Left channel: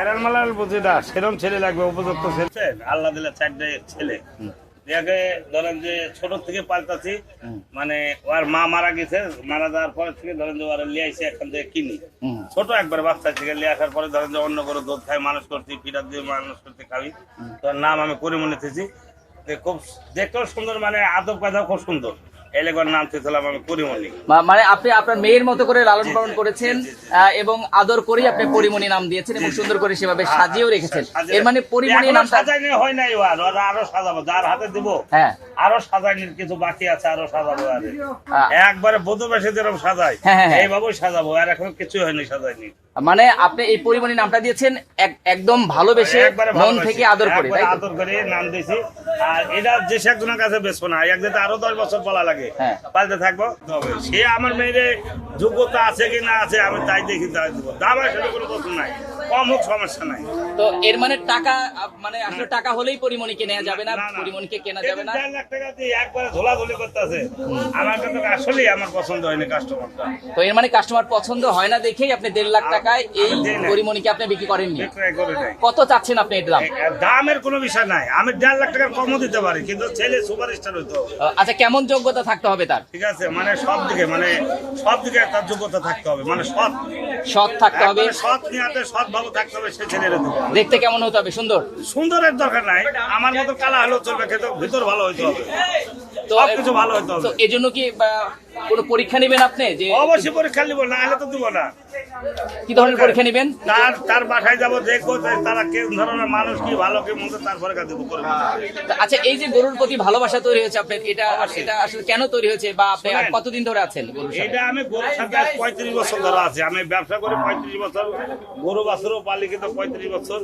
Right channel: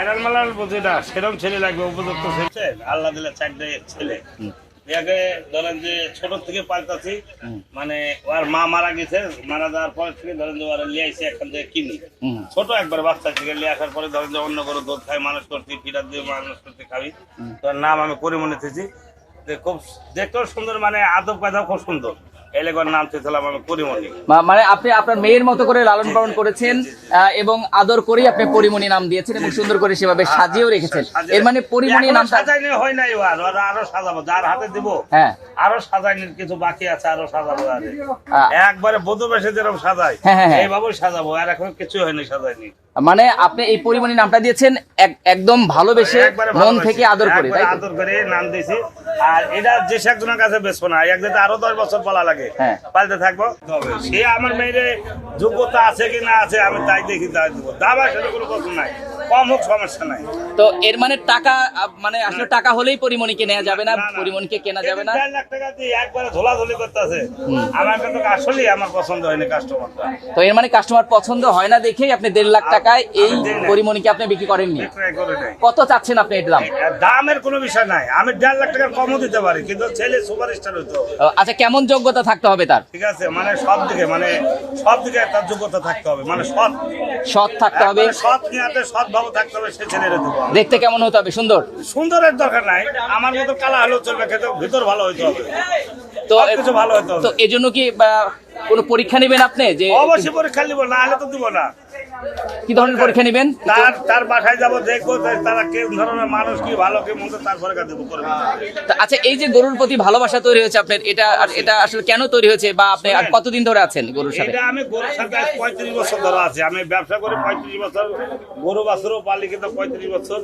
Viral মালাল বুঝি না, সেরকম ছেলে লাগবে, উপযুক্ত ছেলে। আল্লাহ দিলে 4টা ছেলে, একে ধরেন যে ছোট থেকে পাল্টাছি, মানে ওর মা মারা গেছে, মারা যাওয়ার পরে থেকে ধরেন যে ওরা লিয়ে আইসে এখান থেকে কিনি, ছোট একবার বাচ্চা থেকে লিয়ে আসার পরে ধরেন যে অন্য করে দুধ খাই মানুষ করছি, ফিরাত দিয়ে মানুষ করতে খাবি। তোর নাম আমি করিমনি থেছি, খুব দেখতেও সুন্দর, মানে আদব কায়দাও খুব সুন্দর। এলাকার নাম চেয়েছিলাম আমি পরিমণি। মানে আপনি আপনার মেয়ের মতো করে লালন পালন করেছেন এবং আদর করেই আপনি পরিমণি নাম দিয়েছেন এবং সুন্দর করে সেভাবে সাজিয়েও রেখেছেন। এর মানে পরিমণি নাম সাজাইনি হয় নাই, ওরা আরো সাজাবো, যার হাতে দিব আরো সাজাইনির কিছু বাকি আছে, আরো সাজাবো। একবারে বধূ বেশে যেরকম সাজাই এইভাবেই সাজাবো, আর এখন কিছু হয়নি, সাজাইনি। মানে আপনি এই পরিমণি নামটা দিয়েছেন একদম ভালোবেসে মন থেকে আদর করে, আদর করে নাম দিয়েছি। আর এটা যে একজনের কাছে বেসবো না, একদিন আরো 10 বছর বলা লাগে, পালতে থাকবো। তবে সে আমার মেয়ের যোগ্যতা আছে কি না আছে আমি তাই দেখি, তাই দেবো। দাম আসলে কোনো প্রশ্ন নাই, কম হোক সমস্যা নাই। তো এর মানে টাকা, মানে আসলে টাকা হলেই পরিমণিকে নেওয়া যাবে না, পরিমণিকে কেনা যাবে না। 4 লাখ টাকা দিয়ে একবারে ঝোলাঝুলি করতেছে, আমার কাছে আসলেই আমার পছন্দ হয়নি কাস্টমারটা। তো এর মানে কাস্টমার পছন্দ হয় না দেখেই আপনি 1.5 লাখ টাকায় এই পরিমণিকে আপনি বিক্রি করেননি। কত চাচ্ছেন আপনি এর দাম? দামের কোনো বিষয় নাই, আমি 1.5 লাখ টাকার কমও দিতে পারি, কিন্তু ছেলে সুপারস্টার হইতে হবে। আচ্ছা, কেমন যোগ্যতা থাকতে হবে তার? ঠিক আছে, মানে সব দিকে তার যোগ্যতা থাকতে হবে, মানে সৎ থাকতে হবে, সৎ নিয়াতে সৎ ভাবে থাকতে হবে। সে ছেলের দেখতে কেমন হতে হবে? সুন্দরের দরকার নাই, আমার মতো কালা হলেও চলবে, কিন্তু ভিতর ভালো হইতে হবে, তো কিছু ভালো হইতে হবে। তো এই জন্য কি কোনো পরীক্ষা নেবেন আপনি? যে অবশ্যই পরীক্ষা নিব, না হলে তো দিব না। কি ধরনের পরীক্ষা নেবেন? তার বাসায় যাবো, দেখবো তারা কি ধরনের মানুষ, কি ভালো কি মন্দ, তারপরে দেবো। আচ্ছা, এই যে গরুর প্রতি ভালোবাসা তৈরি হয়েছে আপনার, এটা আসলে কেন তৈরি হয়েছে, বা আপনি আর কতদিন ধরে আছেন গরুর সাথে? এটা আমি গরুর সাথে 35 বছর ধরে আছি, আমি ব্যবসা করি 35 বছর, গরু বাছুরও পালি কিন্তু 35 বছর।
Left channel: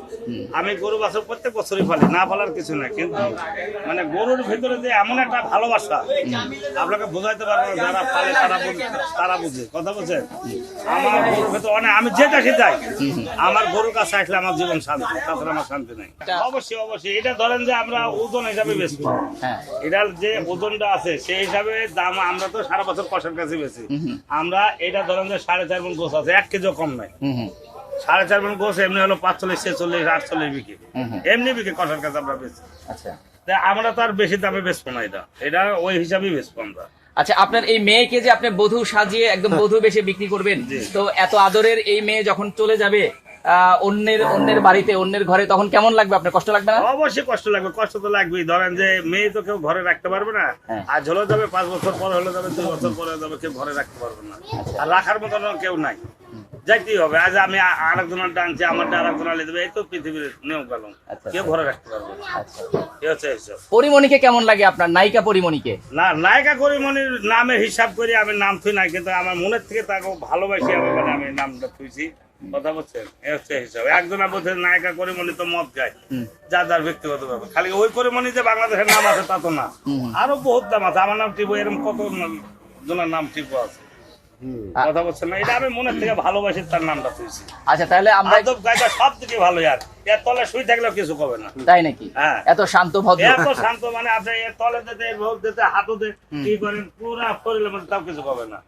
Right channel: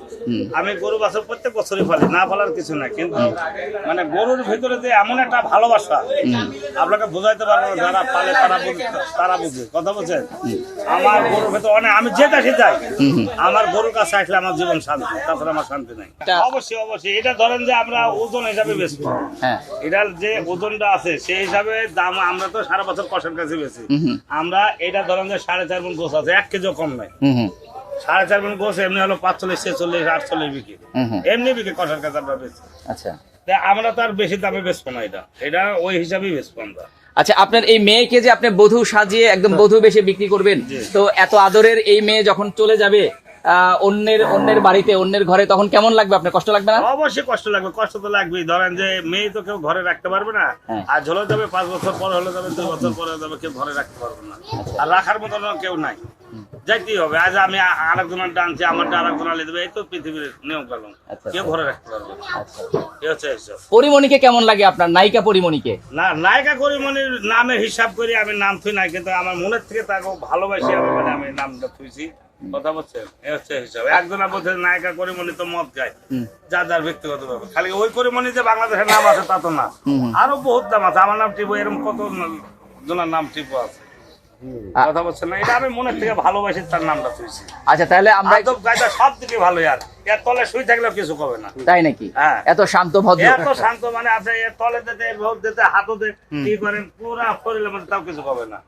আমি গরু বাছুর প্রত্যেক বছরই পালি, না পালার কিছু না, কিন্তু মানে গরুর ভিতরে যে এমন একটা ভালোবাসা আপনাকে বোঝাইতে পারবো না, যারা পালে তারা বুঝে, কথা বলছেন। আমার গরুর ভেতর অনেক, আমি যেটা যাই আমার গরুর কাছে আসলে আমার জীবন শান্তি, তাছাড়া আমার শান্তি নাই। অবশ্যই এটা ধরেন যে আমরা ওজন হিসাবে বেশি, এটার যে ওজনটা আছে সেই হিসাবে দাম, আমরা তো সারা বছর কষার কাছে বেশি। আমরা এটা ধরেন যে 4.5 মণ গোছ আছে, 1 কেজিও কম নাই। 4.5 মণ গোছ এমনি হলো 45, 46, 48 বিক্রি, এমনি বিক্রি কষার কাছে আমরা বেশি। আচ্ছা, আমরা তো আর বেশি দামে বেচবো না, এটা ওই হিসাবেই বেচবো আমরা। আচ্ছা, আপনার এই মেয়েকে যে আপনি বধূ সাজিয়ে একদম বধূ বেশে বিক্রি করবেন, তো এত আদরের এই মেয়ে যখন চলে যাবে অন্যের বাড়িতে, অন্যের ঘরে, তখন কেমন লাগবে? আপনার কষ্ট লাগবে না? অবশ্যই কষ্ট লাগবে, কষ্ট তো লাগবেই। ধরেন যে মেয়ে তো কেউ ঘরে রাখতে পারবে না, আর ঝলে যাবে 5 বছর পরে, হলে যাবে 2 বছর পরে যাবে, কেউ ঘরে রাখতে পারবে না, আর রাখার মতন কেউ নাই, যাইতেই হবে। আজ আমি আরেকজনের টানছি, আমারটা আরেকজন আলে দেবে, এই তো পৃথিবীর নিয়ম কানুন, কেউ ঘরে রাখতে পারবে না। পরিমণিকে কেমন লাগে আপনার, নায়িকা পরিমণিকে? না, নায়িকা পরিমণির নামে হিসাব করি আমি নাম থুই নাই, কিন্তু আমার মনের থেকে তাকে ভালোবাসি আমি, মানে আমি নামটা থুইছি, কথা বলছেন। এই হচ্ছে হিসাব। একজনের বলছে নায়িকা করিমণি তো মদ খায়, যার ব্যক্তিগত ব্যাপার। খালি ওই করিমণি যে বাংলাদেশের নাম আছে তা তো না, আরো বহুত নাম আছে। আমার নাম টিপো, এরকম কত জনের নাম টিপো আছে, কথা বলছেন না। এটা আমি মনের থেকে ভালোবাসি, তার নামটা তুইছি। আচ্ছা, তাহলে আমরা আদব কায়দা সব দিকে ভালো, আর এর তলে শুই থাকলেও কিছু হবে না, তাই নাকি? হ্যাঁ, এত শান্ত ভদ্র, এত শান্ত, মানে আপনি এর তলে দিতে, রোদ দিতে, হাতও দিতে, কি করেন পুরা শরীরের মধ্যে তাও কিছু হবে না।